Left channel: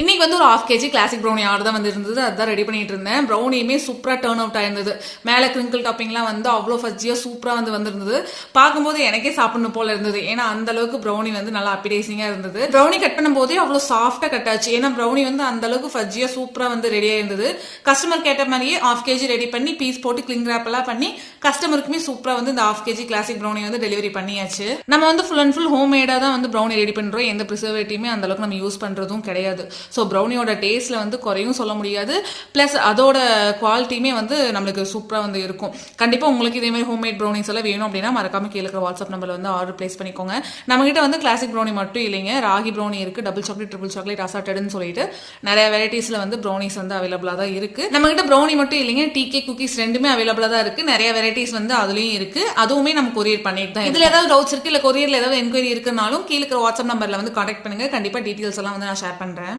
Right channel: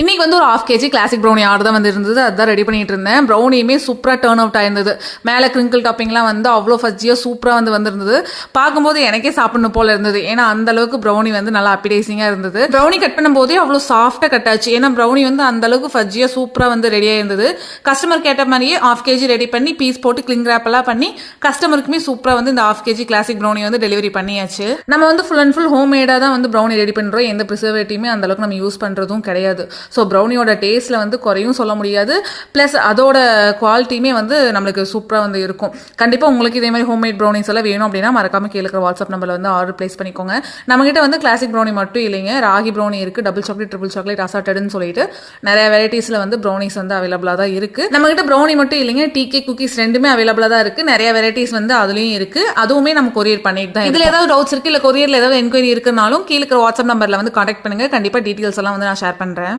இன்னைக்கு வந்து ஒரு 1/2 kg கிளாசிக் ப்ரௌனி ஆர்டர் தான் வந்து இருந்தது. அதான் ரெடி பண்ணிட்டு இருந்தேன். ப்ரௌனியுமே சூப்பரா டர்ன் அவுட் ஆயிருந்தது. மேலே கிரிங்கிள் டாப்பிங்லாம் வந்து அவ்வளோ ஃபஜ்ஜியா சூப்பரா வந்து வந்திருந்தது. பார்க்கும்போது எனக்கே சாப்பிடணும் போல இருந்தது. ஏன்னா அந்த அளவுக்கு ப்ரௌனி வந்து நல்லா அப்பிடைசிங்கா இருந்தது. ப்ரௌனி கட் பண்ணும்போதே அவ்வளோ சாஃப்டா கட் ஆச்சு. ஏன்னா ப்ரௌனி வந்து அந்த அளவுக்கு ஃபஜ்ஜியா சூப்பரா வந்து ரெடியா இருந்தது. கஸ்டமர் கேட்ட மாதிரியே 1/2 kg ரெடி பண்ணி பீஸ் போட்டு கிளிங் ரேப் எல்லாம் பண்ணி கஸ்டமருக்குமே சூப்பரா வந்து இந்த 1/2 kg கிளாசிக் ப்ரௌனி வந்து டெலிவரி பண்ணியாச்சு. நம்ம வந்து ஃபுல் அண்ட் ஃபுல் ஹோம் மேடா தான் வந்து ப்ரௌனி ரெடி பண்றோம். எந்த ப்ரிசர்வேட்டிவுமே அந்த அளவுக்கு நம்ம யூஸ் பண்றதும் கிடையாது. ஸோ ப்ரௌனியோட டேஸ்ட்ல வந்து குறையும் சொல்ல முடியாது. பிளஸ் அதோட குவாலிட்டியுமே வந்து நம்மளுக்கு சூப்பரா வந்து இருக்கும். கண்டிப்பா உங்களுக்கு இதே மாதிரி ஹோம்மேட் ப்ரௌனிஸ் எல்லாம் வேணும் அப்படின்னா மறக்காம கீழே இருக்கிற வாட்ஸ்அப் நம்பர்ல வந்து ஆர்டர் பிளேஸ் பண்ணிக்கோங்க. நம்ம கிட்ட வந்து கிளாசிக் ப்ரௌனி மட்டும் இல்லைங்க, ராகி ப்ரௌனி இருக்கு, டபுள் சாக்லேட், ட்ரிபிள் சாக்லேட், அசார்டட்னு சொல்லிட்டு நிறைய வெரைட்டிஸ்ல வந்து ப்ரௌனிஸ் வந்து அவைலபிளா தான் இருக்கு. நம்ம கிட்ட ப்ரௌனி மட்டும் இல்லைங்க, டீ குக்கீஸ் ரெண்டுமே அவைலபிளா தான் இருக்கு. நிறைய வெரைட்டிஸ் வந்து அதுலயும் இருக்கு. அதுவுமே நம்ம கொரியர் பண்ணிட்டு தான். இதுல ஏதாவது டவுட்ஸ் இருக்கு இல்ல கொரியர்ல ஏதாவது என்கொயரி இருக்குனாலும் கீழே இருக்கிற வாட்ஸ்அப் நம்பர்ல வந்து கான்டாக்ட் பண்ணுங்க. கண்டிப்பா டீடைல்ஸ் எல்லாம் வந்து நான் ஷேர் பண்றேன்.